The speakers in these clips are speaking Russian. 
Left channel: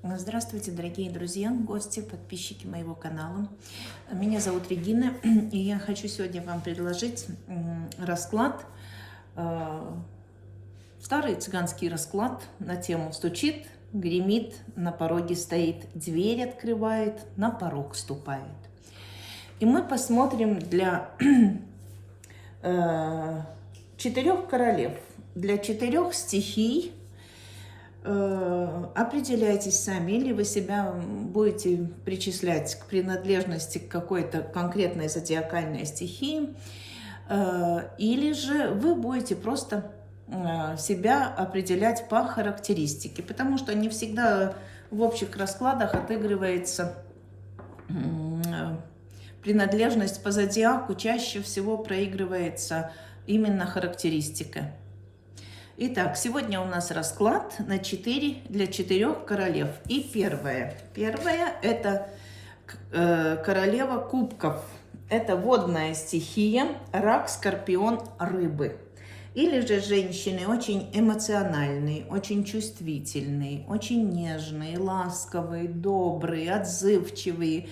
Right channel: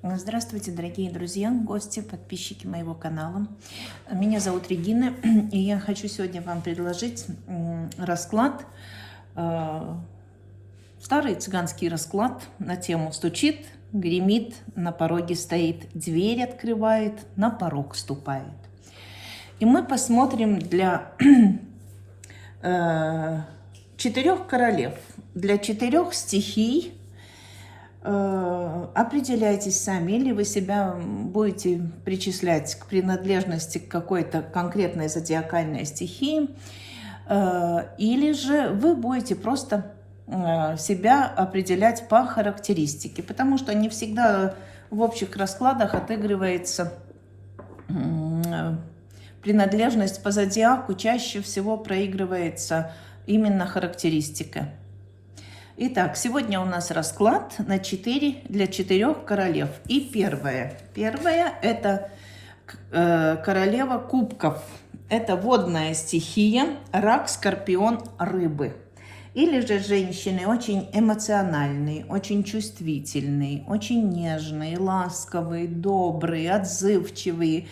Здравствуйте, дорогие друзья, гости, подписчики моего канала. Меня зовут Регина, и я хочу сегодня вам предложить расклад, старый цыганский расклад на тему «Стучит, гремит, на пороге стоит, дверь открывает, на порог ступает». И мы посмотрим для 4 королев, для 4 стихий. Определяйтесь сами, или вы себя будете причислять к принадлежности к какой-то конкретной зодиакальной стихии, или же вы будете просто себя определять по характеристике, потому что не всегда в общих раскладах отыгрывается принадлежность по зодиаку, чаще всего проигрывается именно характеристика. Итак, сегодня у нас расклад на 4 королев. И первая это королева кубков. Это водная стихия, рак, скорпион, рыбы. Или же женщины очень эмоциональные, очень чувствительные, очень нежные, ласковые, добрые, отзывчивые.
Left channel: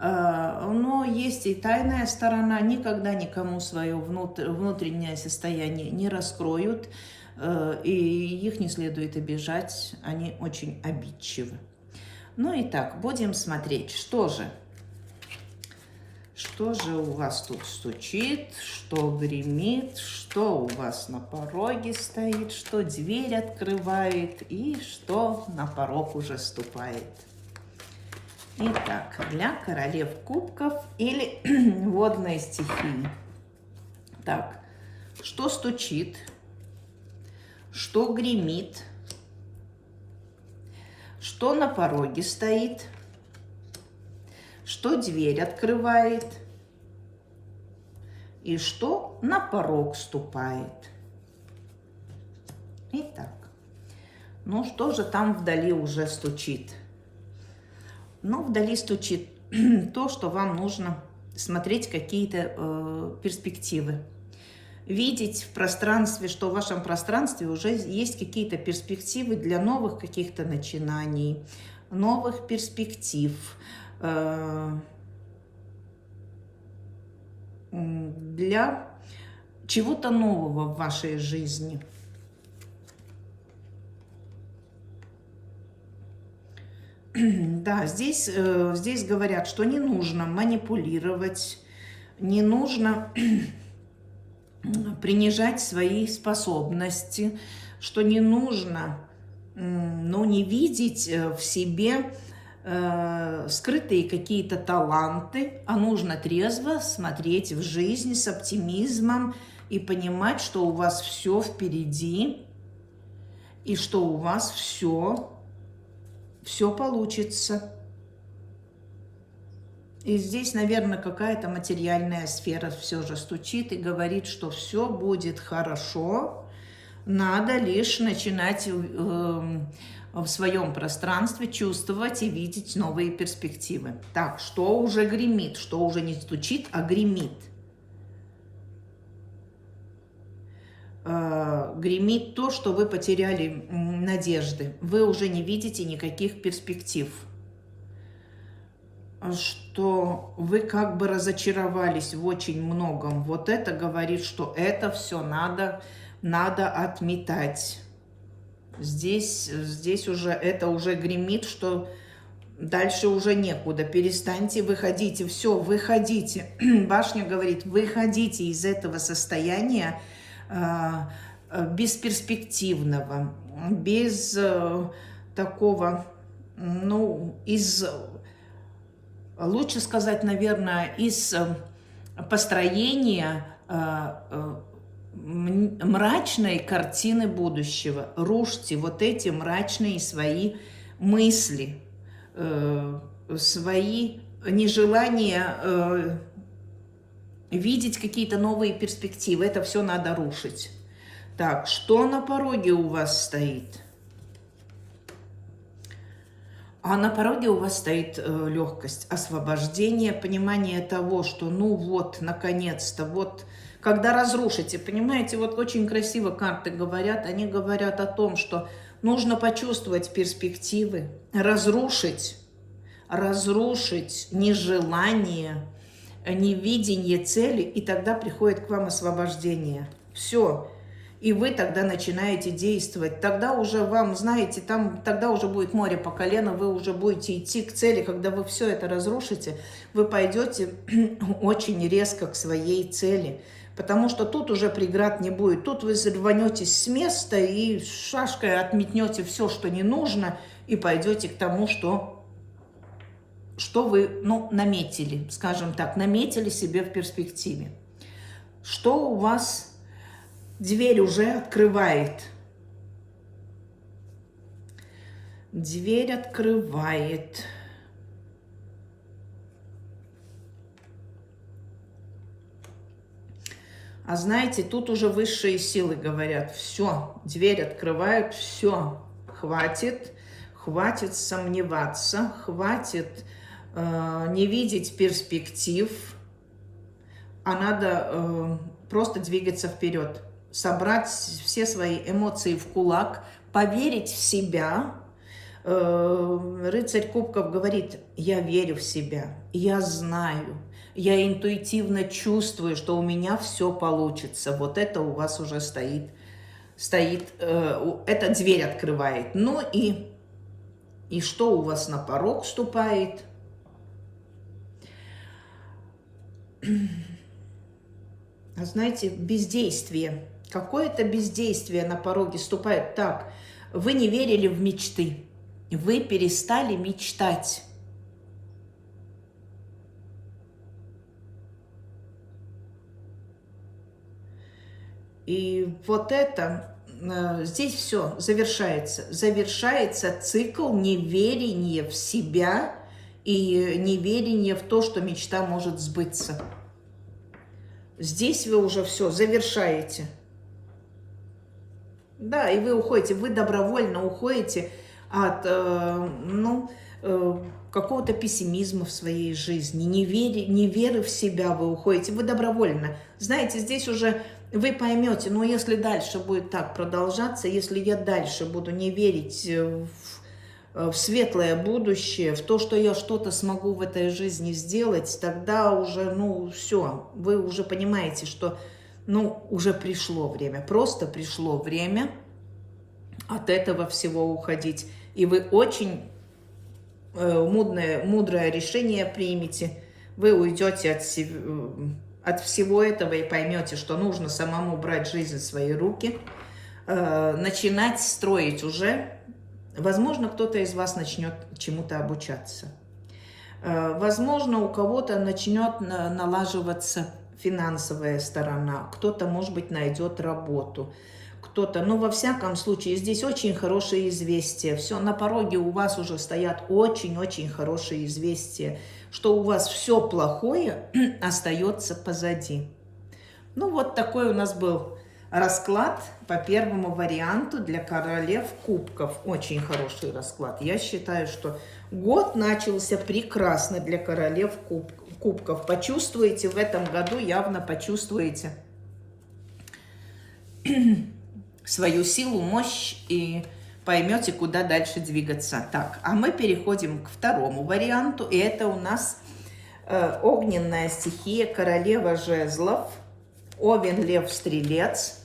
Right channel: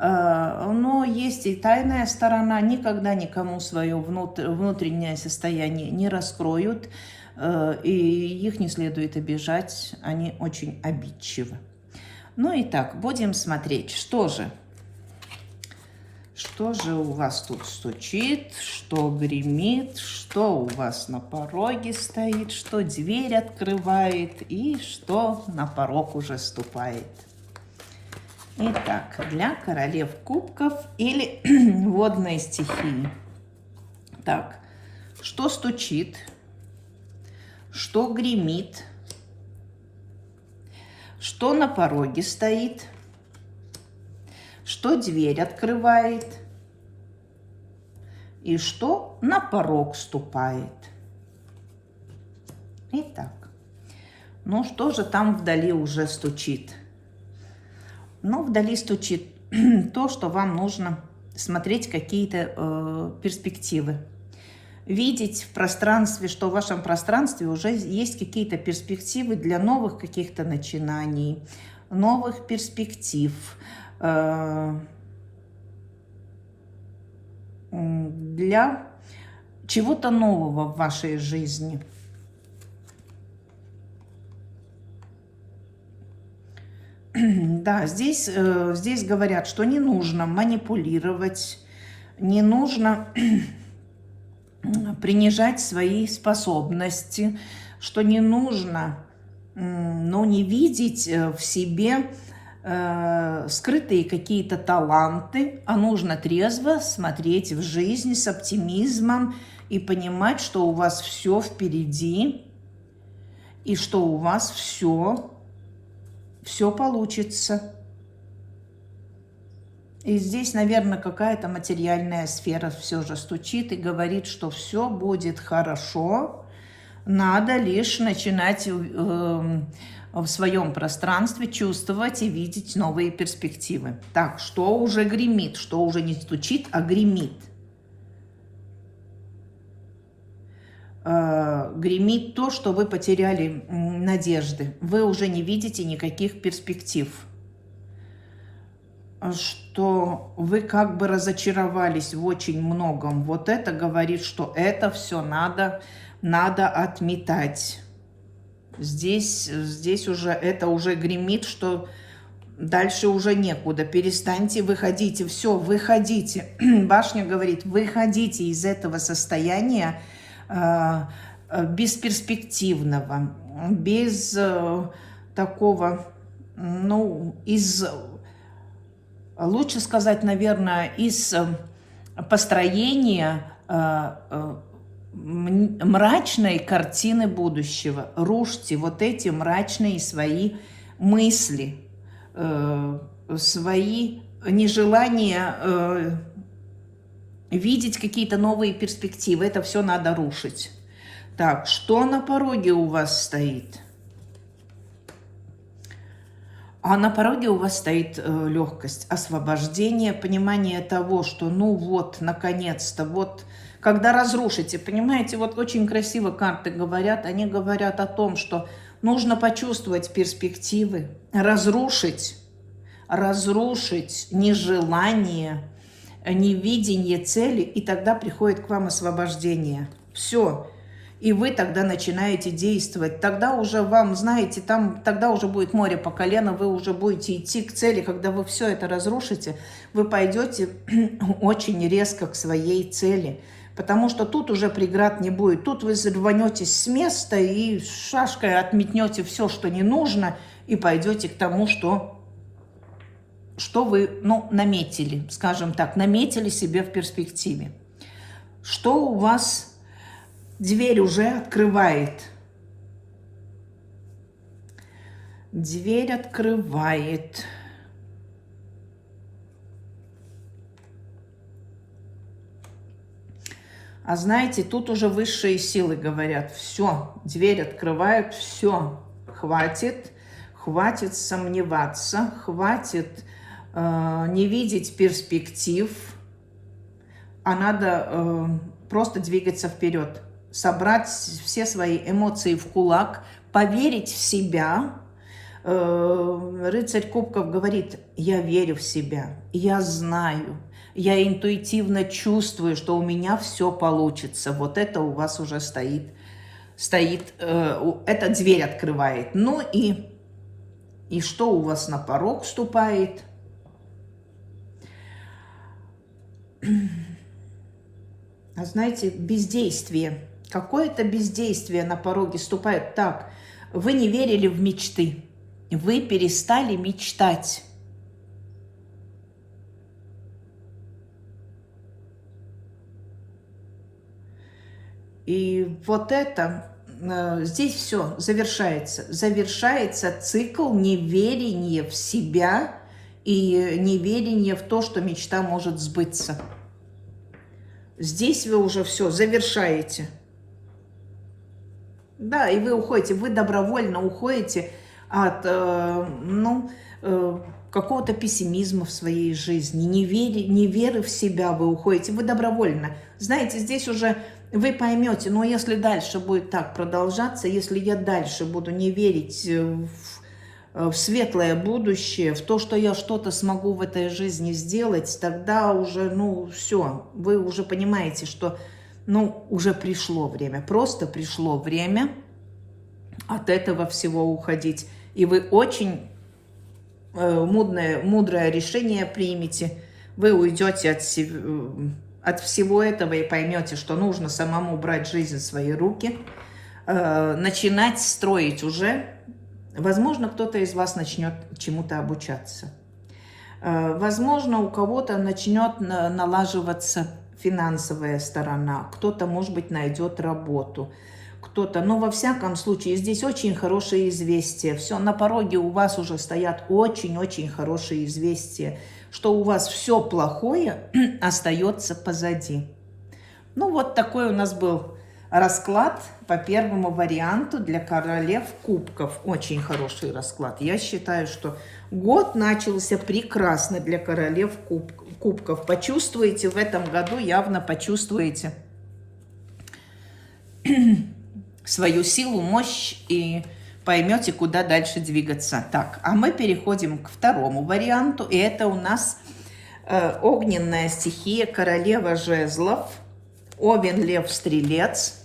Но есть и тайная сторона, никогда никому свое внутреннее состояние не раскроют. И их не следует обижать, они очень обидчивы. Ну и так, будем смотреть, что же у вас тут стучит, что гремит, что у вас на пороге стоит, что дверь открывает и что на порог уже ступает. Итак, для королев кубков или водной стихии. Так, что стучит? Что гремит, что на пороге стоит, что дверь открывает и что на порог ступает. Итак, ну что же там вдали уже стучит? Ну, вдали стучит то, что вам нужно смотреть какие-то перспективы. Видеть в пространстве, что в вашем пространстве уже есть какие-то перспективы для новых каких-то начинаний, новых перспектив, для чего-то нового в вашей жизни. Да, здесь говорят, что не нужно манипулировать, не нужно принижать свои способности, что не нужно, не видеть в себе скрытые какие-то таланты, а нужно трезво смотреть в жизнь с оптимизмом и понимать, что у вас все впереди и что у вас все получится. И здесь, наверное, какая-то материальная сфера все же стучит и говорит, что все будет хорошо. Надо лишь начинать в своем пространстве чувствовать и видеть новые перспективы. Так, что уже гремит, что уже не стучит, а гремит. Гремит то, что вы потеряли надежды. Вы уже не видите никаких перспектив. Что вы как бы разочаровались в очень многом. Вот это говорит, что это все надо отметать. Здесь уже это уже гремит, что дальше уже некуда. Перестаньте, выходите, все, выходите. Башня говорит, выходите из этого состояния бесперспективного, без такого, лучше сказать, наверное, из построения мрачной картины будущего. Рушьте вот эти мрачные свои мысли, свои нежелания видеть какие-то новые перспективы. Это все надо рушить. Так, что на пороге у вас стоит? А на пороге у вас стоит легкость, освобождение, понимание того, что наконец-то, когда разрушите, понимаете, вот очень красиво карты говорят, они говорят о том, что Нужно почувствовать перспективы, разрушить нежелание, невидение цели, и тогда приходит к вам освобождение. Все. И вы тогда начинаете действовать. Тогда уже вам, знаете, тогда уже будет море по колено, вы уже будете идти к цели. Когда вы все это разрушите, вы пойдете очень резко к своей цели. Потому что тут уже преград не будет. Тут вы рванетесь с места и шашкой отметнете все, что не нужно, и пойдете к тому, что вы, наметили, скажем так, наметили себе в перспективе. Что у вас дверь уже открывает? Дверь открывает. А знаете, тут уже высшие силы говорят: все, дверь открывают, все, хватит сомневаться, хватит не видеть перспектив, а надо просто двигаться вперед, собрать все свои эмоции в кулак, поверить в себя. Рыцарь Кубков говорит: я верю в себя, я знаю, я интуитивно чувствую, что у меня все получится. Вот это у вас уже стоит, эта дверь открывает. Ну и что у вас на порог вступает? А знаете, бездействие. Какое-то бездействие на пороге вступает. Так, вы не верили в мечты. Вы перестали мечтать. И вот это, здесь все завершается. Завершается цикл неверия в себя и неверия в то, что мечта может сбыться. Здесь вы уже все завершаете. Да, и вы уходите, вы добровольно уходите от какого-то пессимизма в своей жизни, неверы в себя вы уходите, вы добровольно. Знаете, здесь уже вы поймете, но если дальше будет так продолжаться, если я дальше буду не верить в светлое будущее, в то, что я что-то смогу в этой жизни сделать, тогда уже, все, вы уже понимаете, что, уже пришло время, просто пришло время от этого всего уходить. И вы очень мудрое решение примете, вы уйдете от всего этого и поймете, что нужно самому брать жизнь в свои руки, начинать строить уже. Возможно, кто-то из вас начнет чему-то обучаться. Возможно, у кого-то начнет налаживаться финансовая сторона, кто-то, может быть, найдет работу, кто-то. Но во всяком случае, здесь очень хорошие известия. Все, на пороге у вас уже стоят очень-очень хорошие известия, что у вас все плохое остается позади. Вот такой у нас был расклад по первому варианту для королев кубков. Очень хороший расклад. Я считаю, что год начался прекрасно для королев кубков. Почувствуете в этом году, явно почувствуете свою силу, мощь и поймете, куда дальше двигаться. Так, а мы переходим к второму варианту. И это у нас огненная стихия, королева жезлов, Овен, Лев, Стрелец.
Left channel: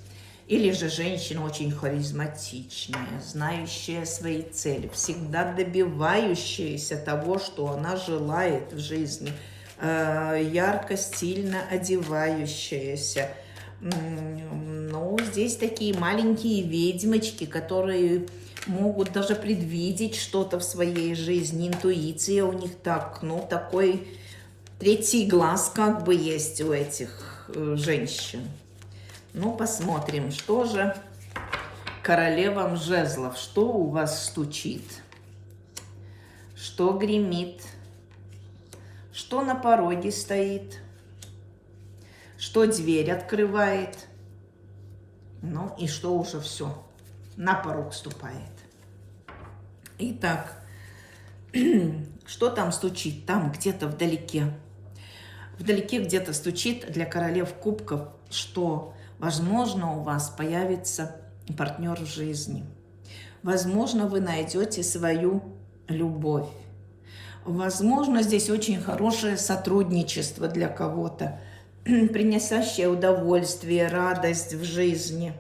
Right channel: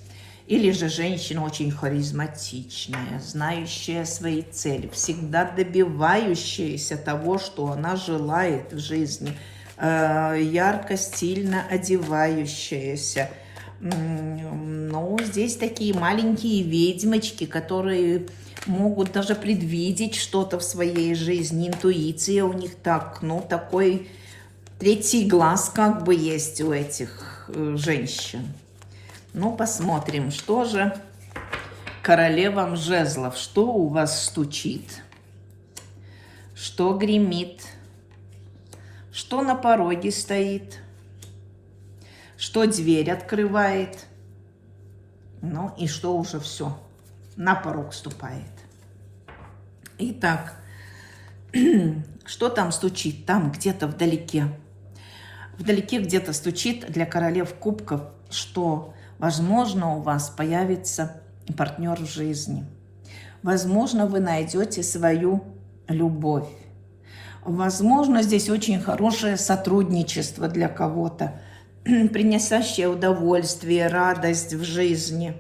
Или же женщина очень харизматичная, знающая свои цели, всегда добивающаяся того, что она желает в жизни, ярко, стильно одевающаяся. Здесь такие маленькие ведьмочки, которые могут даже предвидеть что-то в своей жизни. Интуиция у них такой третий глаз как бы есть у этих женщин. Посмотрим, что же королевам жезлов, что у вас стучит, что гремит, что на пороге стоит, что дверь открывает, и что уже все, на порог ступает. Итак, что там стучит? Там где-то вдалеке. Вдалеке где-то стучит для королев кубков, что возможно, у вас появится партнер в жизни. Возможно, вы найдете свою любовь. Возможно, здесь очень хорошее сотрудничество для кого-то, приносящее удовольствие, радость в жизни.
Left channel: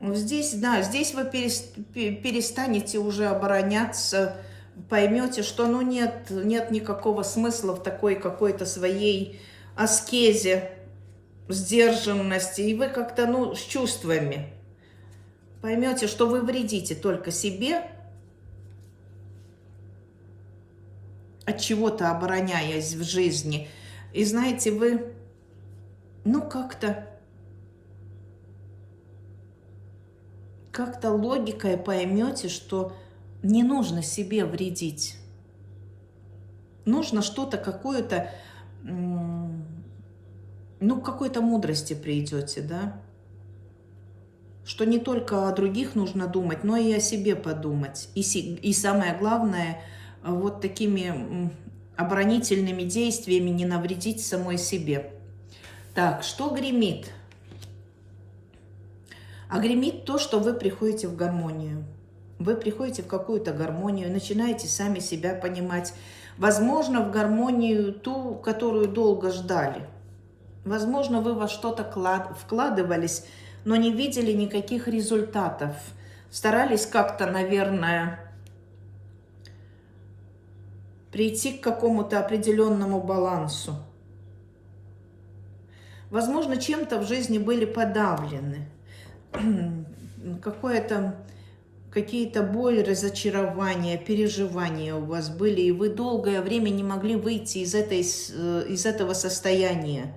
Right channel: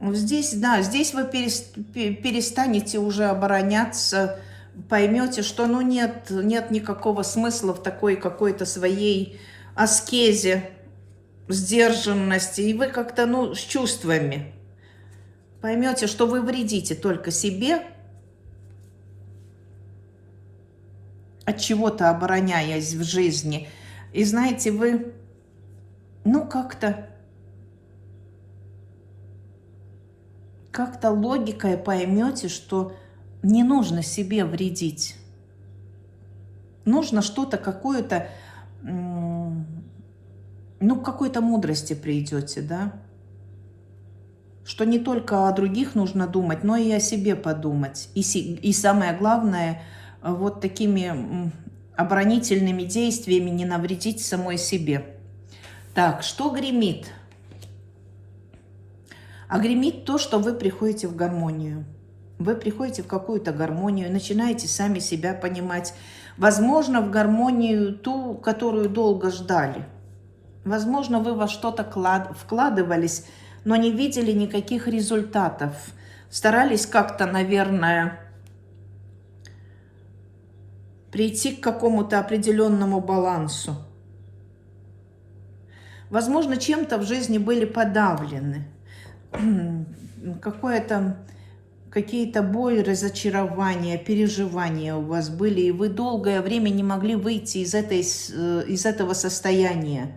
Здесь, да, здесь вы перестанете уже обороняться, поймете, что ну нет никакого смысла в такой какой-то своей аскезе, сдержанности, и вы как-то, ну, с чувствами поймете, что вы вредите только себе, от чего-то обороняясь в жизни. И знаете, вы, ну, как-то логикой поймете, что не нужно себе вредить. Нужно что-то, какую-то, ну, к какой-то мудрости придете, да? Что не только о других нужно думать, но и о себе подумать. И самое главное, вот такими оборонительными действиями не навредить самой себе. Так, что гремит? А гремит то, что вы приходите в гармонию. Вы приходите в какую-то гармонию, начинаете сами себя понимать. Возможно, в гармонию ту, которую долго ждали. Возможно, вы во что-то вкладывались, но не видели никаких результатов. Старались как-то, наверное, прийти к какому-то определенному балансу. Возможно, чем-то в жизни были подавлены. Какие-то боли, разочарования, переживания у вас были, и вы долгое время не могли выйти из этого состояния.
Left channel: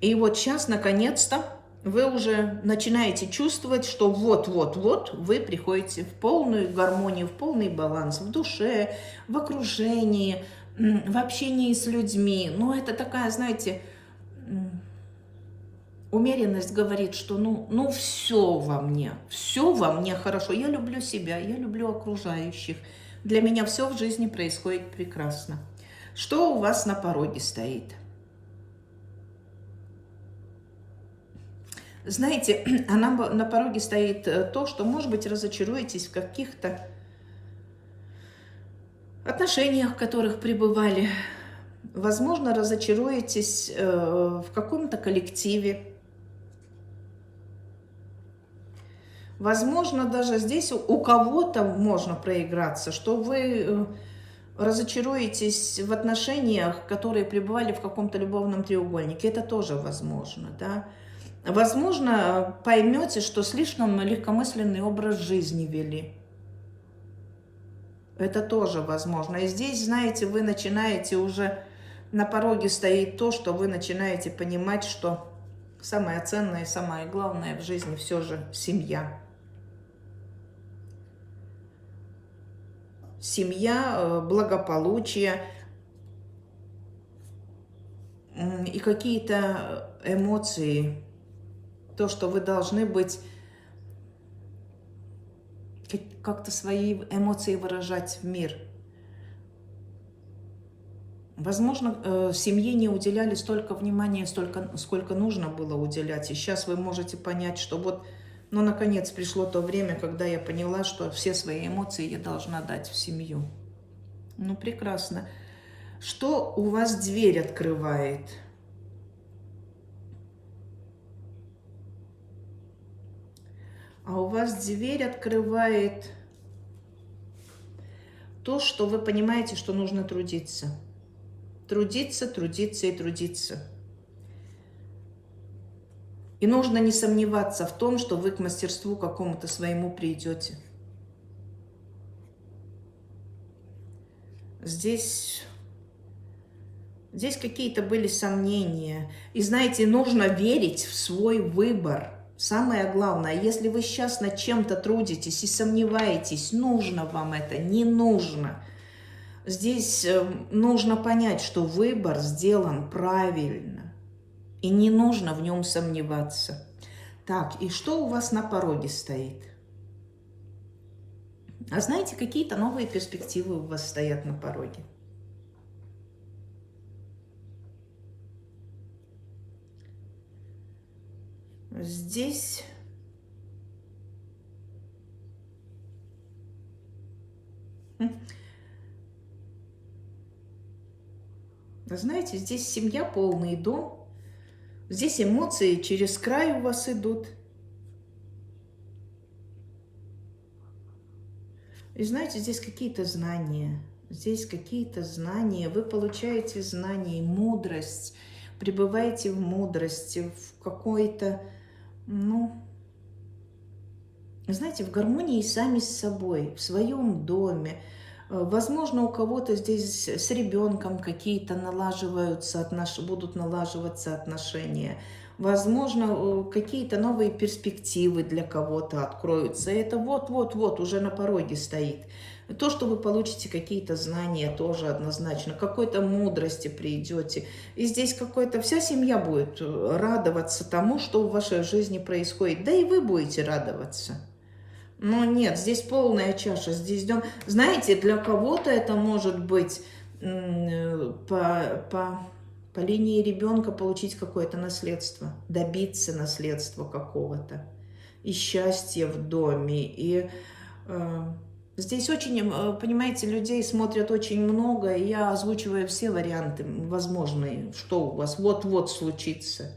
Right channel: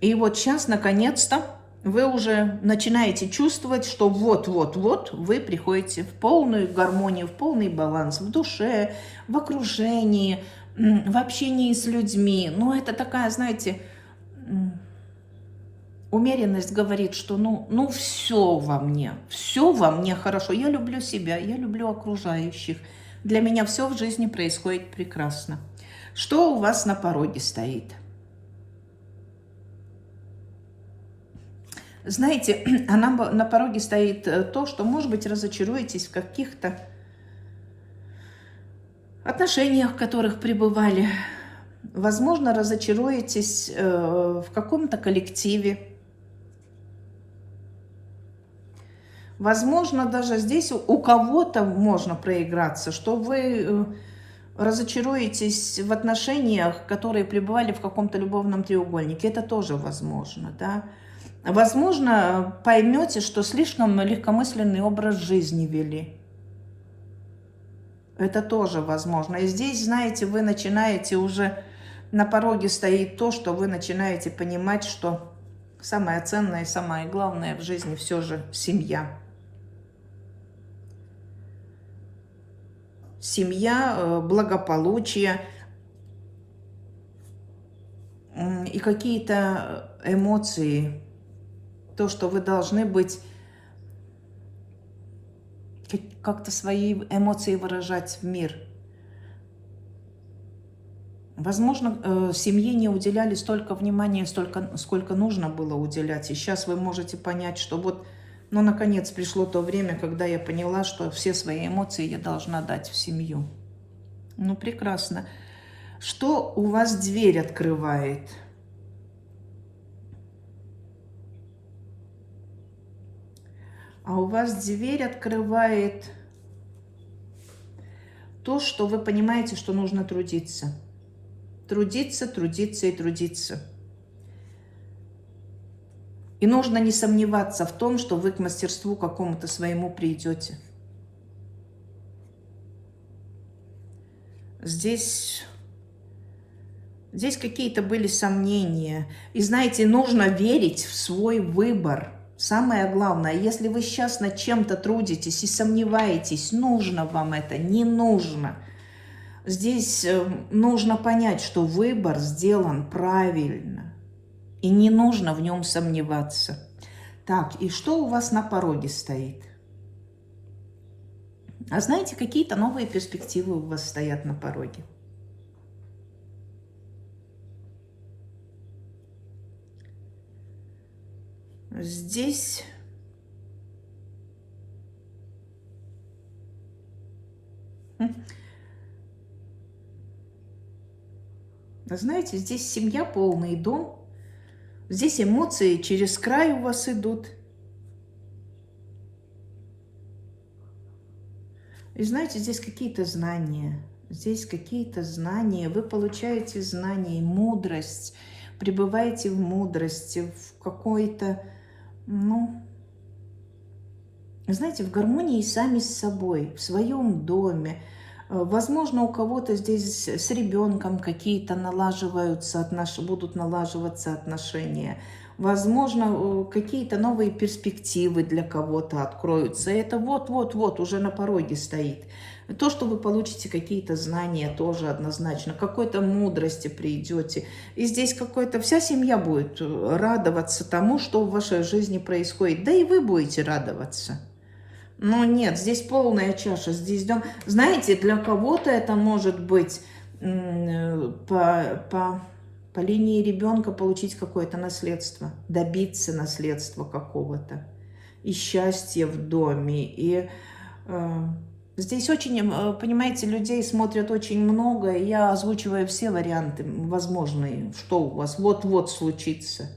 И вот сейчас, наконец-то, вы уже начинаете чувствовать, что вот-вот-вот вы приходите в полную гармонию, в полный баланс в душе, в окружении, в общении с людьми. Ну, это такая, знаете, умеренность говорит, что ну все во мне хорошо. Я люблю себя, я люблю окружающих. Для меня все в жизни происходит прекрасно. Что у вас на пороге стоит? Знаете, на пороге стоит то, что, может быть, разочаруетесь в каких-то отношениях, в которых пребывали. Возможно, разочаруетесь в каком-то коллективе. Возможно, даже здесь у кого-то можно проиграться, что вы разочаруетесь в отношениях, которые пребывали в каком-то любовном треугольнике. Это тоже возможно, да. Возможно, поймете, что слишком легкомысленный образ жизни вели. Это тоже возможно. И здесь, знаете, вы начинаете уже, на пороге стоит то, что вы начинаете понимать, что самое ценное, самое главное в жизни все же семья. Семья, благополучие и какие-то эмоции. То, что вы должны быть, как-то свои эмоции выражать в мир. Возможно, семье не уделяли столько внимания, сколько нужно было уделять. И сейчас вы можете понять, что вот, ну, наконец пришло то время, когда я поняла, что все свои эмоции я должна дать в семью. Ну, прекрасно. Что у вас дверь открывает? А у вас дверь открывает то, что вы понимаете, что нужно трудиться. Трудиться, трудиться и трудиться. И нужно не сомневаться в том, что вы к мастерству какому-то своему придете. Здесь какие-то были сомнения. И знаете, нужно верить в свой выбор. Самое главное, если вы сейчас над чем-то трудитесь и сомневаетесь, нужно вам это, не нужно. Здесь нужно понять, что выбор сделан правильно. И не нужно в нем сомневаться. Так, и что у вас на пороге стоит? А знаете, какие-то новые перспективы у вас стоят на пороге. здесь знаете, здесь семья, полный дом. Здесь эмоции через край у вас идут. И знаете, здесь какие-то знания. Здесь какие-то знания. Вы получаете знания, мудрость. Пребываете в мудрости, в какой-то, ну, знаете, в гармонии сами с собой, в своем доме. Возможно, у кого-то здесь с ребенком какие-то будут налаживаться отношения. Возможно, какие-то новые перспективы для кого-то откроются. Это вот-вот-вот уже на пороге стоит. То, что вы получите какие-то знания, тоже однозначно. Какой-то мудрости придете. И здесь вся семья будет радоваться тому, что в вашей жизни происходит. Да и вы будете радоваться. Но нет, здесь полная чаша, здесь дом. Знаете, для кого-то это может быть по линии ребенка получить какое-то наследство, добиться наследства какого-то, и счастья в доме. И здесь очень, понимаете, людей смотрят очень много, и я озвучиваю все варианты возможные, что у вас вот-вот случится.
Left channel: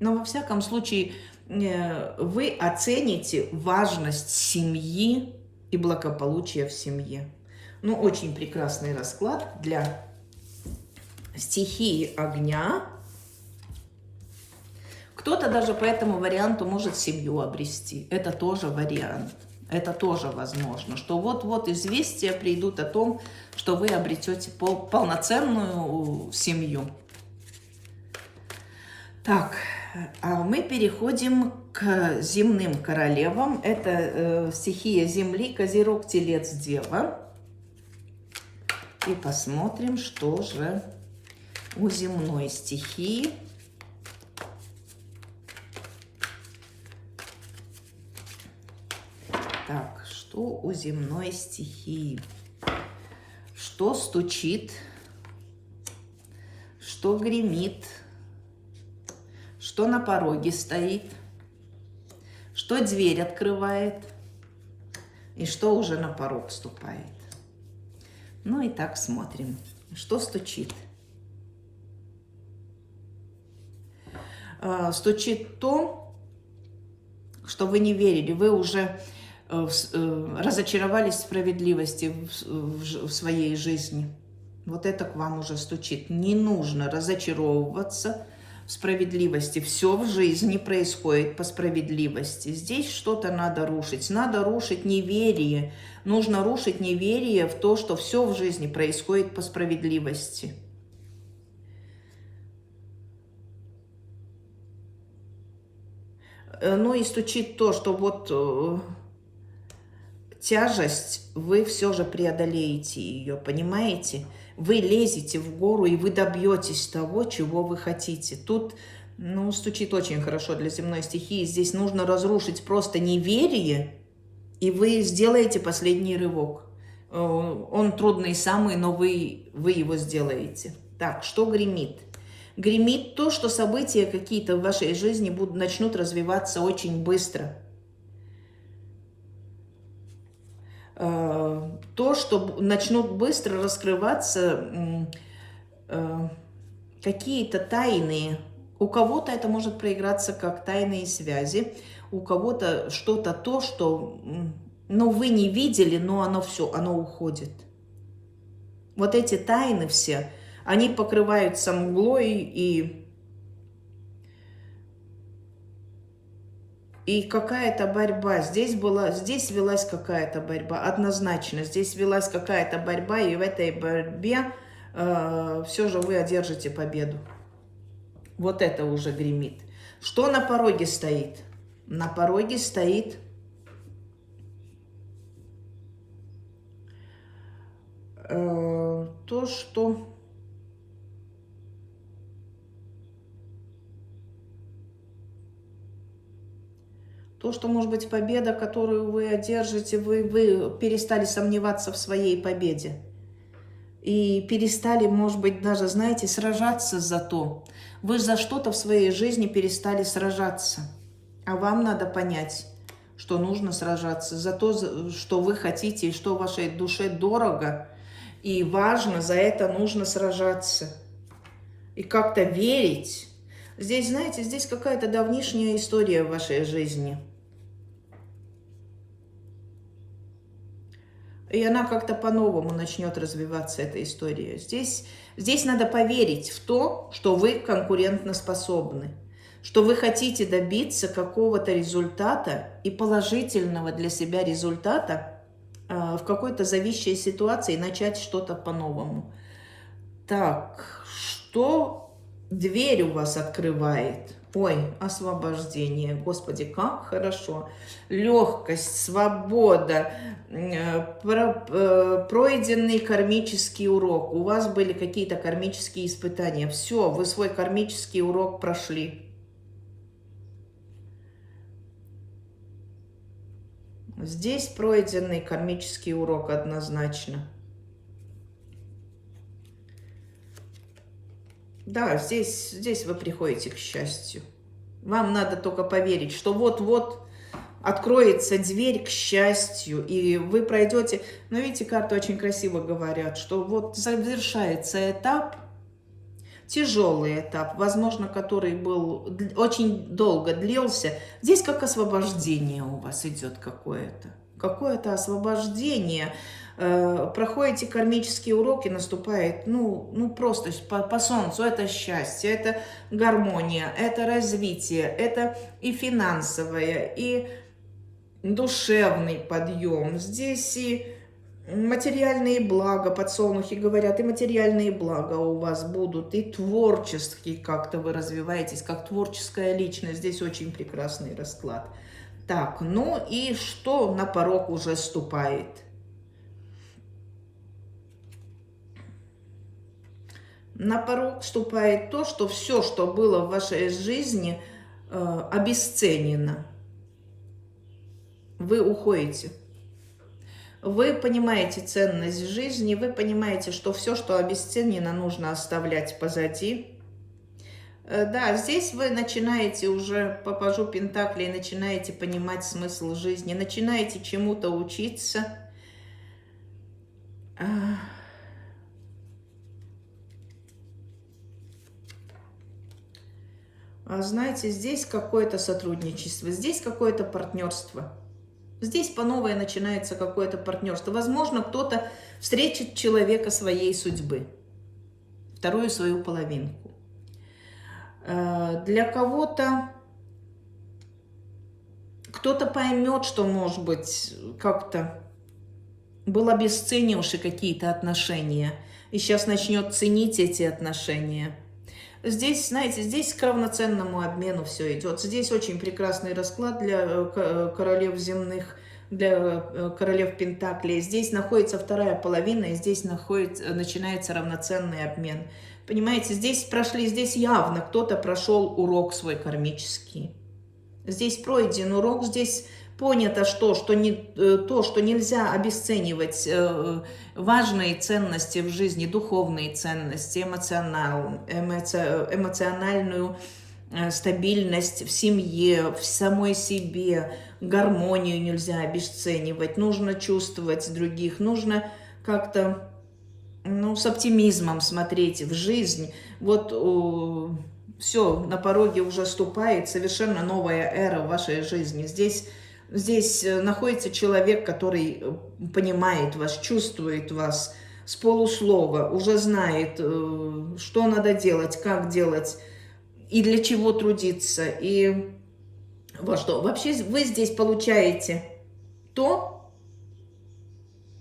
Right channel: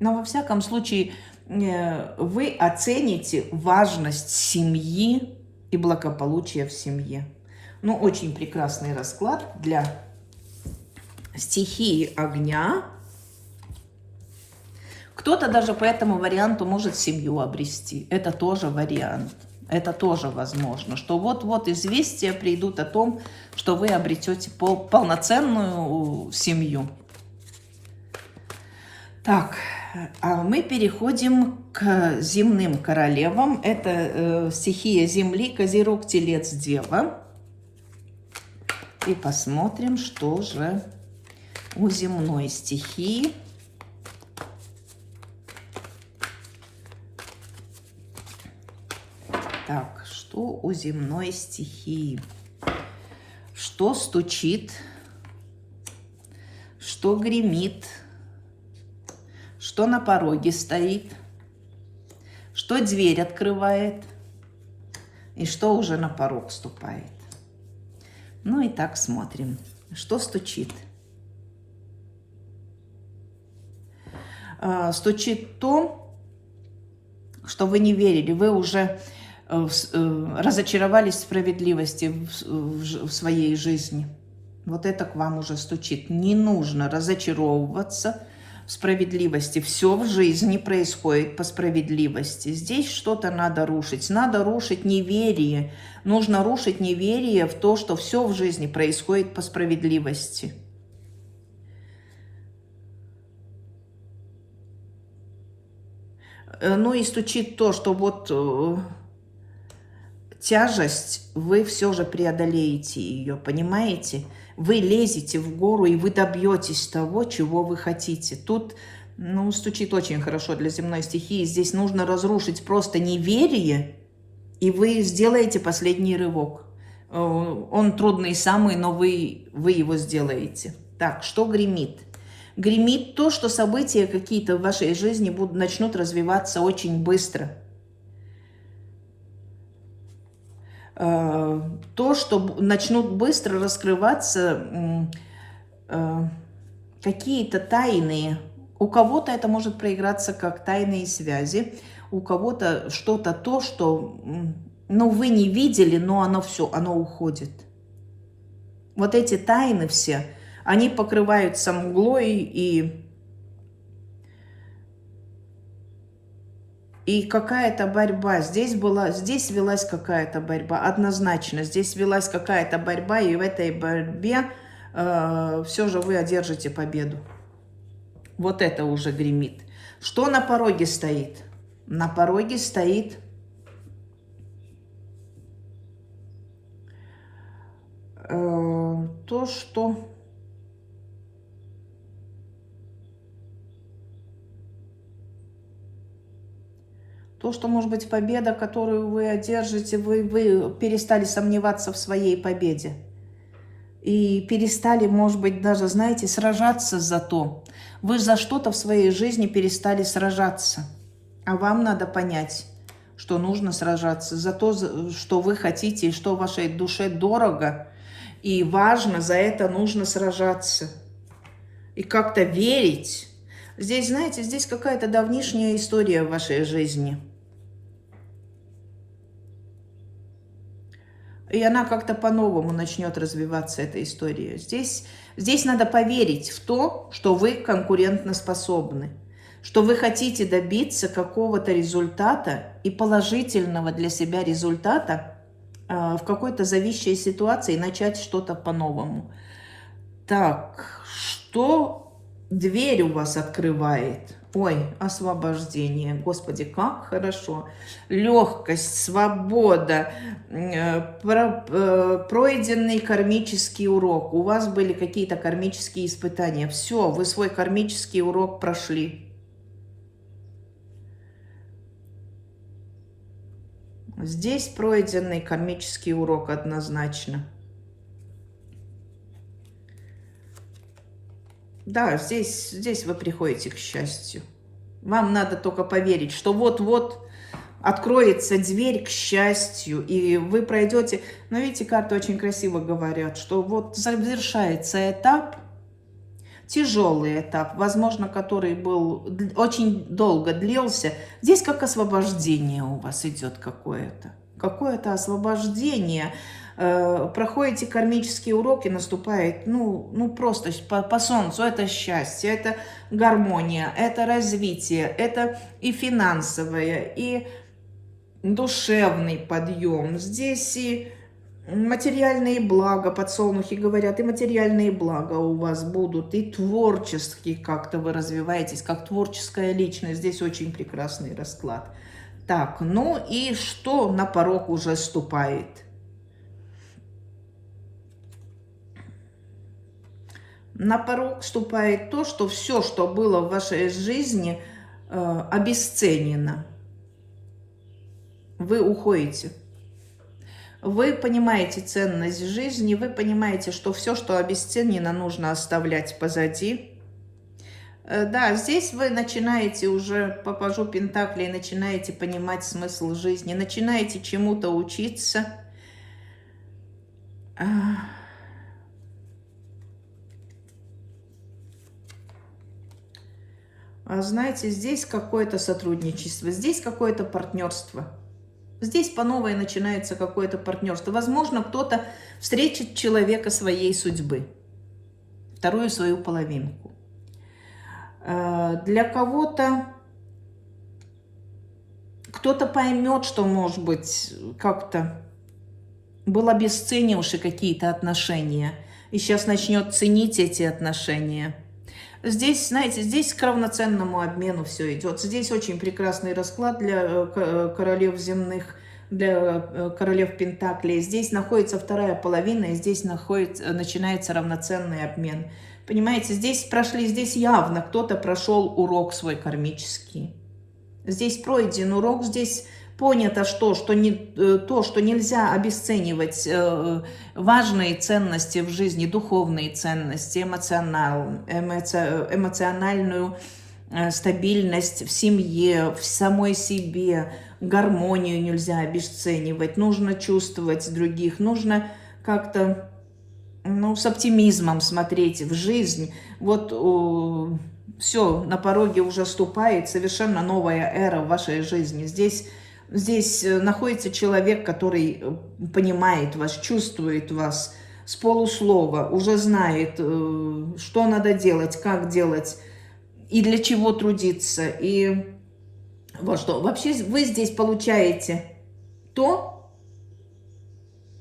Но во всяком случае вы оцените важность семьи и благополучия в семье. Ну, очень прекрасный расклад для стихии огня. Кто-то даже по этому варианту может семью обрести. Это тоже вариант. Это тоже возможно, что вот-вот известия придут о том, что вы обретете полноценную семью. Так, а мы переходим к земным королевам. Это стихия Земли, Козерог, Телец, Дева. И посмотрим, что же у земной стихии. Так, что у земной стихии? Что стучит? Что гремит? Что на пороге стоит, что дверь открывает и что уже на порог ступает. Ну и так смотрим, что стучит. Стучит то, что вы не верили, вы уже разочаровались в справедливости в своей жизни. Вот это к вам уже стучит. Не нужно разочаровываться в справедливости. Все в жизни происходит по справедливости. Здесь что-то надо рушить. Надо рушить неверие. Нужно рушить неверие в то, что все в жизни происходит по справедливости. Ну и стучит то, что вот тяжесть, вы все же преодолеете ее, понимаете? Вы лезете в гору, и вы добьетесь того, чего вы хотите. Тут, ну, стучит очень хорошо для земной стихии. Здесь нужно разрушить просто неверие, и вы сделаете последний рывок. Он трудный самый, но вы его сделаете. Так, что гремит? Гремит то, что события какие-то в вашей жизни начнут развиваться очень быстро. То, что начнут быстро раскрываться какие-то тайные. У кого-то это может проиграться как тайные связи, у кого-то что-то то, что, ну, вы не видели, но оно все, оно уходит. Вот эти тайны все, они покрываются мглой, и какая-то борьба. Здесь велась какая-то борьба, однозначно. Здесь велась какая-то борьба, и в этой борьбе все же вы одержите победу. Вот это уже гремит. Что на пороге стоит? На пороге стоит то, что... То, что, может быть, победа, которую вы одержите, вы перестали сомневаться в своей победе. и перестали, может быть, даже, знаете, сражаться за то. Вы за что-то в своей жизни перестали сражаться. А вам надо понять, что нужно сражаться за то, что вы хотите и что вашей душе дорого и важно, за это нужно сражаться. И как-то верить. Здесь, знаете, здесь какая-то давнишняя история в вашей жизни. И она как-то по-новому начнет развиваться, эта история. Здесь надо поверить в то, что вы конкурентоспособны, что вы хотите добиться какого-то результата и положительного для себя результата в какой-то зависшей ситуации и начать что-то по-новому. Так, что дверь у вас открывает? Ой, освобождение. Господи, как хорошо. Легкость, свобода, пройденный кармический урок. У вас были какие-то кармические испытания. Все, вы свой кармический урок прошли. Здесь пройденный кармический урок однозначно. Да, здесь вы приходите к счастью. Вам надо только поверить, что вот-вот откроется дверь к счастью, и вы пройдете. Но видите, карты очень красиво говорят, что вот завершается этап, тяжелый этап, возможно, который был очень долго длился. Здесь как освобождение у вас идет какое-то. Какое-то освобождение. Проходите кармические уроки, наступает, ну просто по солнцу, это счастье, это гармония, это развитие, это и финансовое, и душевный подъем. Здесь и материальные блага, подсолнухи говорят, и материальные блага у вас будут, и творчески как-то вы развиваетесь, как творческая личность. Здесь очень прекрасный расклад. Так, ну и что на порог уже ступает? На порог вступает то, что все, что было в вашей жизни, обесценено. Вы уходите. Вы понимаете ценность жизни, вы понимаете, что все, что обесценено, нужно оставлять позади. Да, здесь вы начинаете уже по пажу Пентаклей, начинаете понимать смысл жизни, начинаете чему-то учиться. Знаете, здесь какое-то сотрудничество, здесь какое-то партнерство. Здесь по новой начинается какое-то партнерство. Возможно, кто-то встретит человека своей судьбы, вторую свою половинку. Для кого-то кто-то поймет, что, может быть, как-то был обесценивший какие-то отношения, и сейчас начнет ценить эти отношения. Здесь, знаете, здесь к равноценному обмену все идет. Здесь очень прекрасный расклад для королев земных, для королев Пентаклей. Здесь находится вторая половина, и здесь начинается равноценный обмен. Понимаете, здесь явно кто-то прошел урок свой кармический. Здесь пройден урок, здесь понято, что нельзя обесценивать важные ценности в жизни, духовные ценности, эмоциональную стабильность в семье, в самой себе, гармонию нельзя обесценивать, нужно чувствовать других, нужно как-то с оптимизмом смотреть в жизнь. Вот все, на пороге уже ступает совершенно новая эра в вашей жизни. Здесь находится человек, который понимает вас, чувствует вас с полуслова, уже знает, что надо делать, как делать и для чего трудиться. И вот что. Вообще вы здесь получаете то,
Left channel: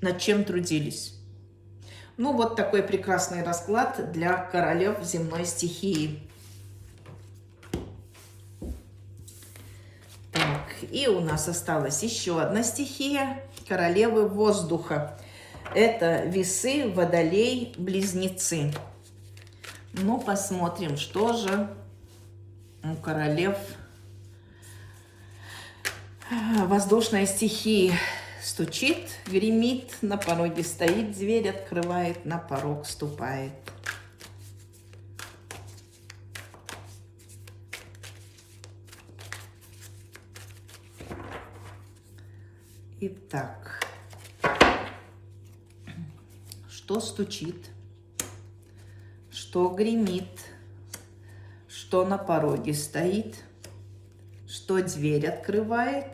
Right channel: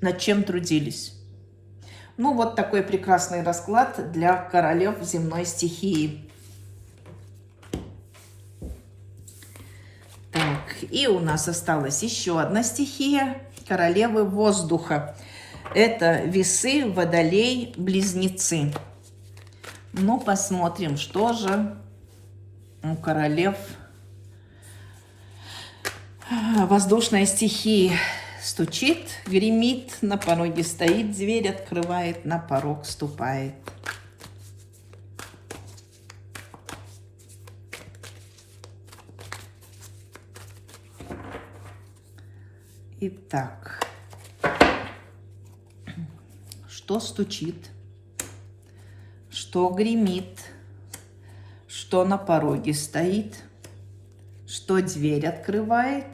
над чем трудились. Ну, вот такой прекрасный расклад для королев земной стихии. И у нас осталась еще одна стихия, королевы воздуха. Это весы, водолей, близнецы. Ну, посмотрим, что же у королев воздушной стихии. стучит, гремит, на пороге стоит, дверь открывает, на порог ступает. Итак, что стучит, что гремит, что на пороге стоит, что дверь открывает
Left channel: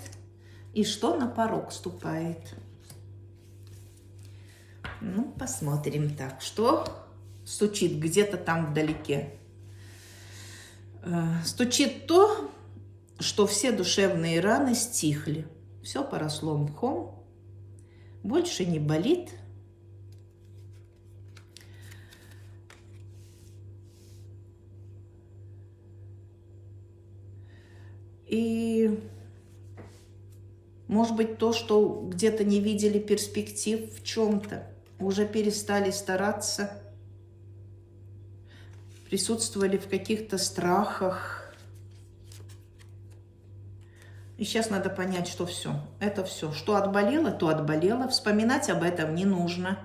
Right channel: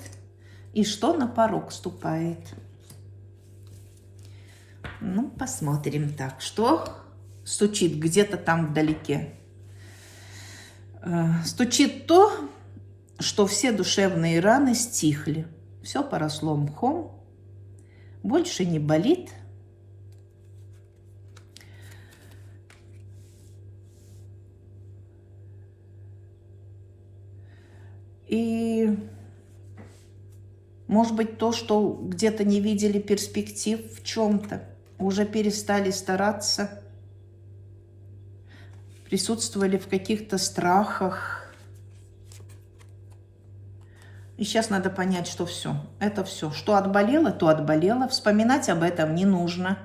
и что на порог ступает. Ну, посмотрим так, что стучит где-то там вдалеке. Стучит то, что все душевные раны стихли. Все поросло мхом, больше не болит. И, может быть, то, что где-то не видели перспектив в чем-то, уже перестали стараться, присутствовали в каких-то страхах. И сейчас надо понять, что все. Это все. Что отболело, то отболело. Вспоминать об этом не нужно.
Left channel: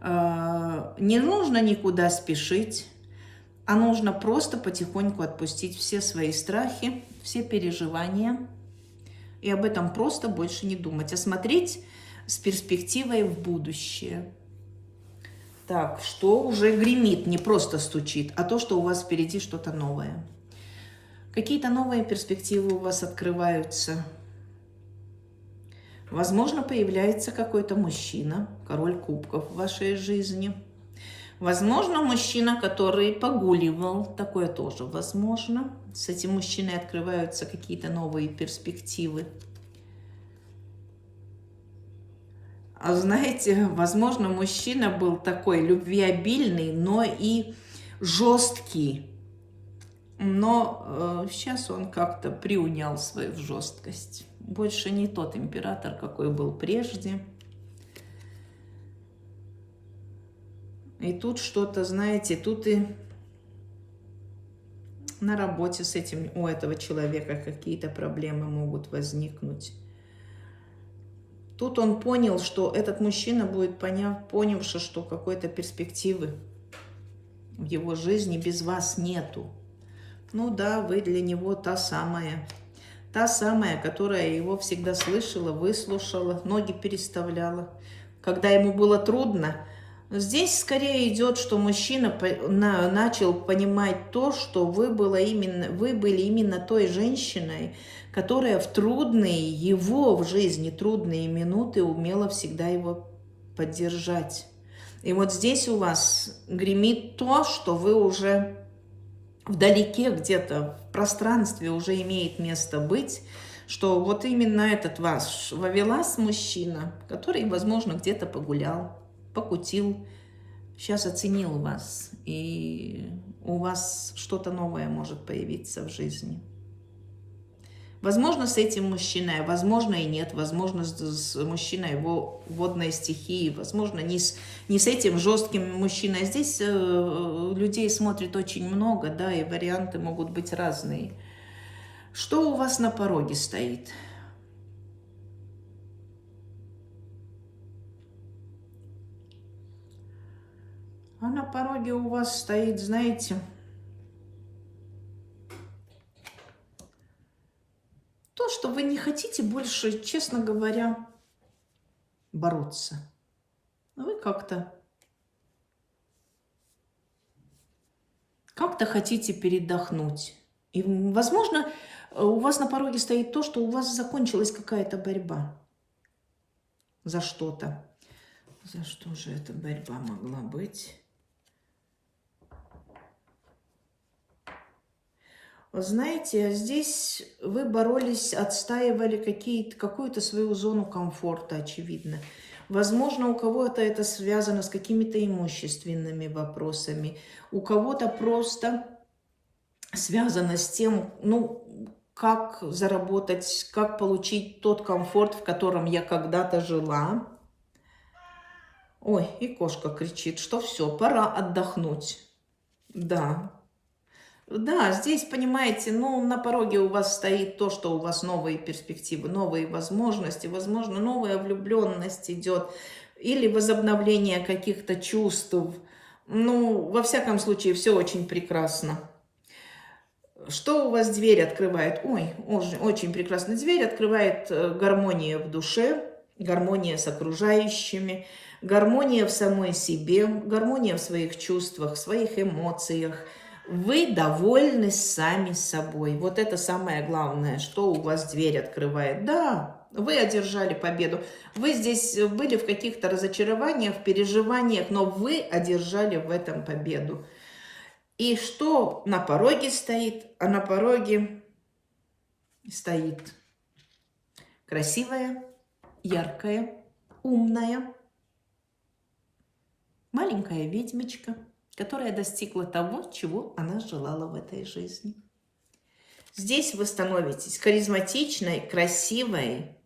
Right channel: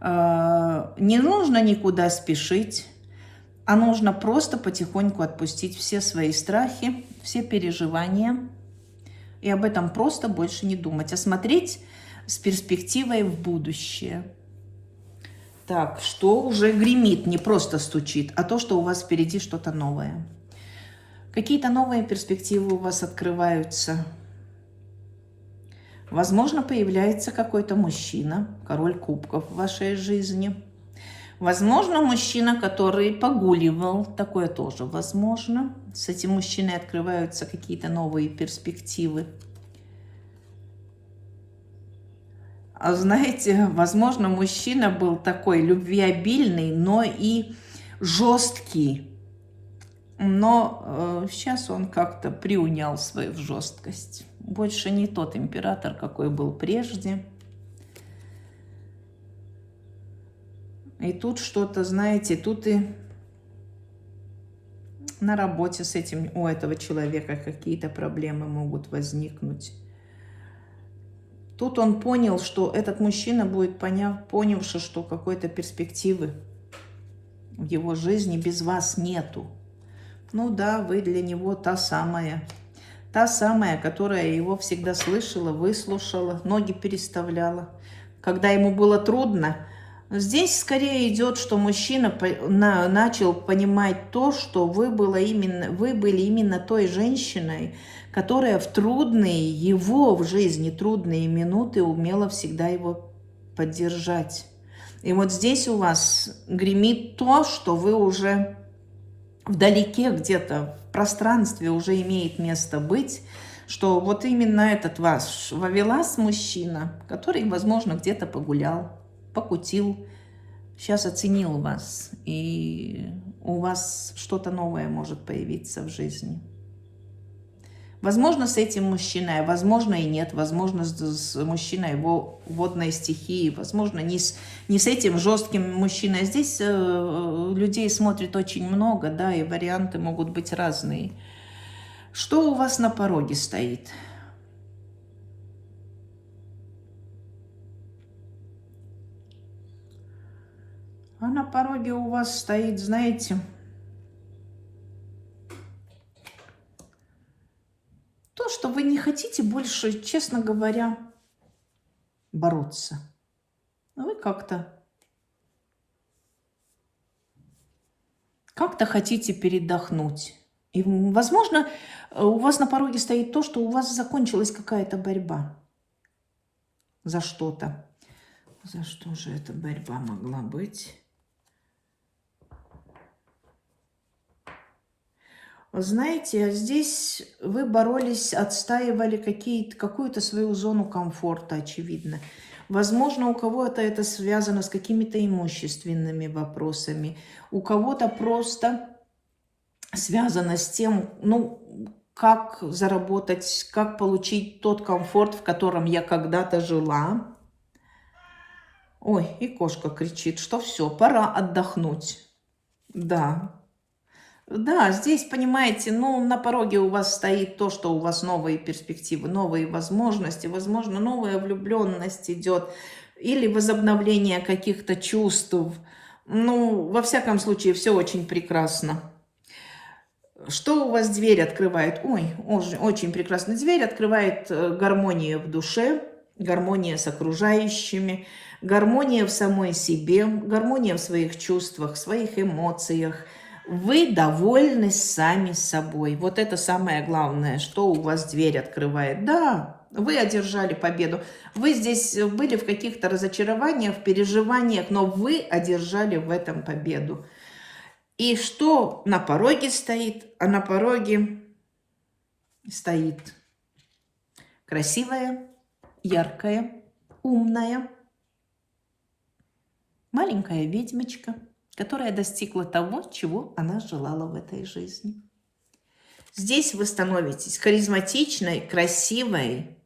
Не нужно никуда спешить. А нужно просто потихоньку отпустить все свои страхи, все переживания. И об этом просто больше не думать. А смотреть с перспективой в будущее. Так, что уже гремит, не просто стучит, а то, что у вас впереди что-то новое. Какие-то новые перспективы у вас открываются. Возможно, появляется какой-то мужчина, король кубков в вашей жизни. Возможно, мужчина, который погуливал, такое тоже возможно. С этим мужчиной открываются какие-то новые перспективы. А знаете, возможно, мужчина был такой любвеобильный, но и жесткий. Но сейчас он как-то приунял свою жесткость. Больше не тот император, какой был прежде. И тут что-то, знаете, тут и на работе с этим, у этого человека какие-то проблемы могут возникнуть. Тут он понял, что этот мужчина будет, понявший, что какой-то перспективы в его жизни без вас нету. Ну да, вы для него та самая, которая его всегда слышала, выслушала, ноги переставляла, когда ему было трудно. Здесь скорее идет, что мужчина начал понимать то, что вы были именно той женщиной, которая в трудные, его в жизни трудные минуты умела всегда его поддержать. И вот здесь у вас гремит то, что вы уже вдалеке где-то в пространстве уже имеет место быть, что вот именно этот ваш ловелас мужчина, который, возможно, где-то погулял, покутил, сейчас оценил вас, и у вас что-то новое может появиться в жизни. Возможно, с этим мужчиной, возможно и нет, возможно, с мужчиной его водной стихии, возможно, не с этим жестким мужчиной. Здесь людей смотрит очень много, да, и варианты могут быть разные. Что у вас на пороге стоит? А на пороге у вас стоит, знаете, то, что вы не хотите больше, честно говоря, бороться. Вы как-то хотите передохнуть. И, возможно, у вас на пороге стоит то, что у вас закончилась какая-то борьба за что-то. За что же эта борьба могла быть? Знаете, здесь вы боролись, отстаивали какую-то свою зону комфорта, очевидно. Возможно, у кого-то это связано с какими-то имущественными вопросами, у кого-то просто связано с тем, ну, как заработать, как получить тот комфорт, в котором я когда-то жила. Ой, и кошка кричит, что все, пора отдохнуть. Да. Да, здесь, понимаете, ну, на пороге у вас стоит то, что у вас новые перспективы, новые возможности, возможно, новая влюбленность идет, или возобновление каких-то чувств. Ну, во всяком случае, все очень прекрасно. Что у вас дверь открывает? Ой, очень прекрасный дверь открывает гармония в душе, гармония с окружающими, гармония в самой себе, гармония в своих чувствах, в своих эмоциях. Вы довольны сами собой. Вот это самое главное, что у вас дверь открывает. Да, вы одержали победу. Вы здесь были в каких-то разочарованиях, переживаниях, но вы одержали в этом победу. И что на пороге стоит? А на пороге стоит красивая, яркая, умная, маленькая ведьмочка, которая достигла того, чего она желала в этой жизни. Здесь вы становитесь харизматичной, красивой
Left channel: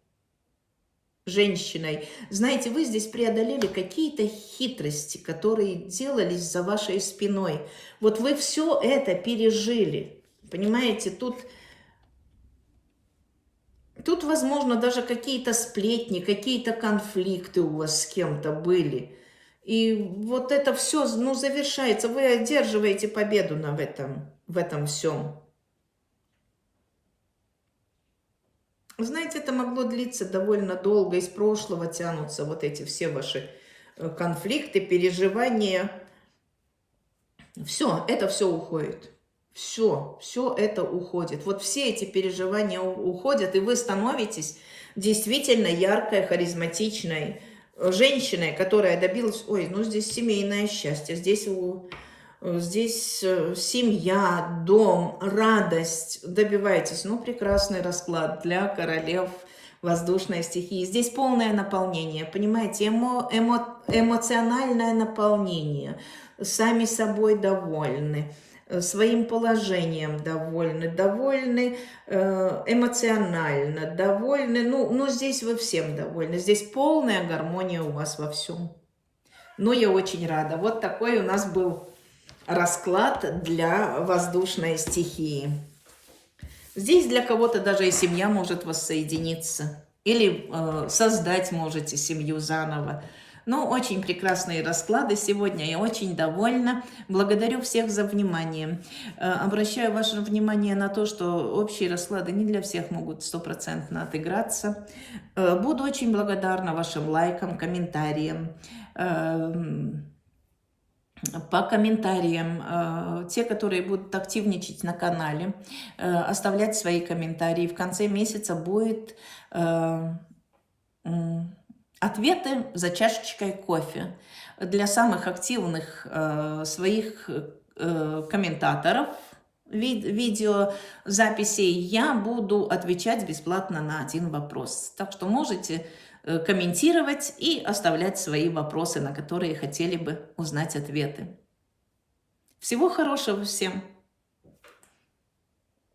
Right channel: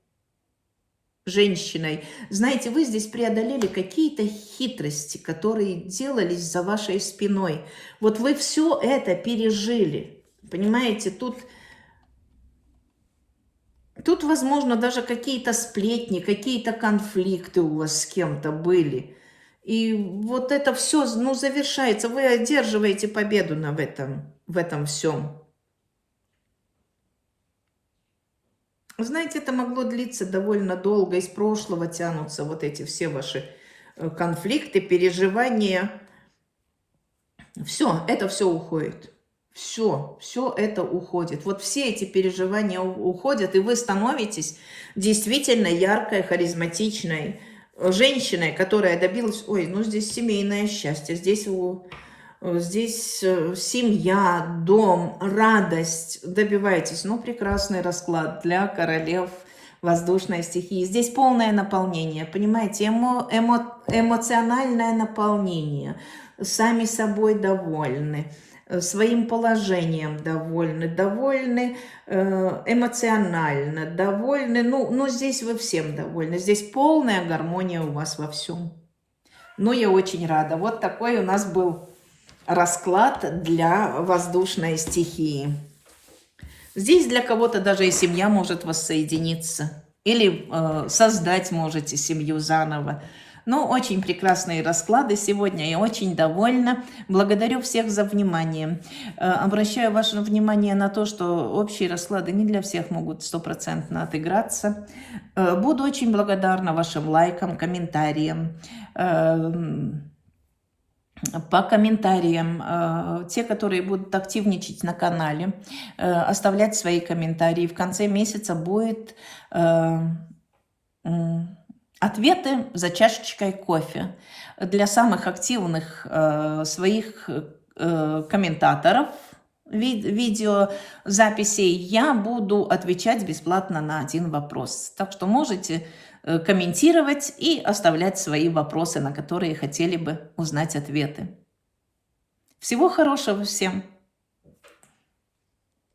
женщиной. Знаете, вы здесь преодолели какие-то хитрости, которые делались за вашей спиной. Вот вы все это пережили. Понимаете, тут, возможно, даже какие-то сплетни, какие-то конфликты у вас с кем-то были. И вот это все, ну, завершается. Вы одерживаете победу в этом всем. Знаете, это могло длиться довольно долго, из прошлого тянутся вот эти все ваши конфликты, переживания. Это все уходит. Все это уходит. Вот все эти переживания уходят, и вы становитесь действительно яркой, харизматичной женщиной, которая добилась... Ой, ну здесь семейное счастье, здесь семья, дом, радость, добиваетесь. Ну, прекрасный расклад для королев воздушной стихии. Здесь полное наполнение, понимаете, эмоциональное наполнение. Сами собой довольны, своим положением довольны, эмоционально довольны. Ну, здесь вы всем довольны. Здесь полная гармония у вас во всем. Ну, я очень рада. Вот такой у нас был расклад для воздушной стихии. Здесь для кого-то даже и семья может воссоединиться. Или создать можете семью заново. Ну, очень прекрасные расклады сегодня. Я очень довольна. Благодарю всех за внимание. Обращаю ваше внимание на то, что общие расклады не для всех могут стопроцентно отыграться. Буду очень благодарна вашим лайкам, комментариям. По комментариям, те, которые будут активничать на канале, оставлять свои комментарии. В конце месяца будет ответы за чашечкой кофе. Для самых активных своих комментаторов видеозаписей я буду отвечать бесплатно на один вопрос. Так что можете комментировать и оставлять свои вопросы, на которые хотели бы узнать ответы. Всего хорошего всем!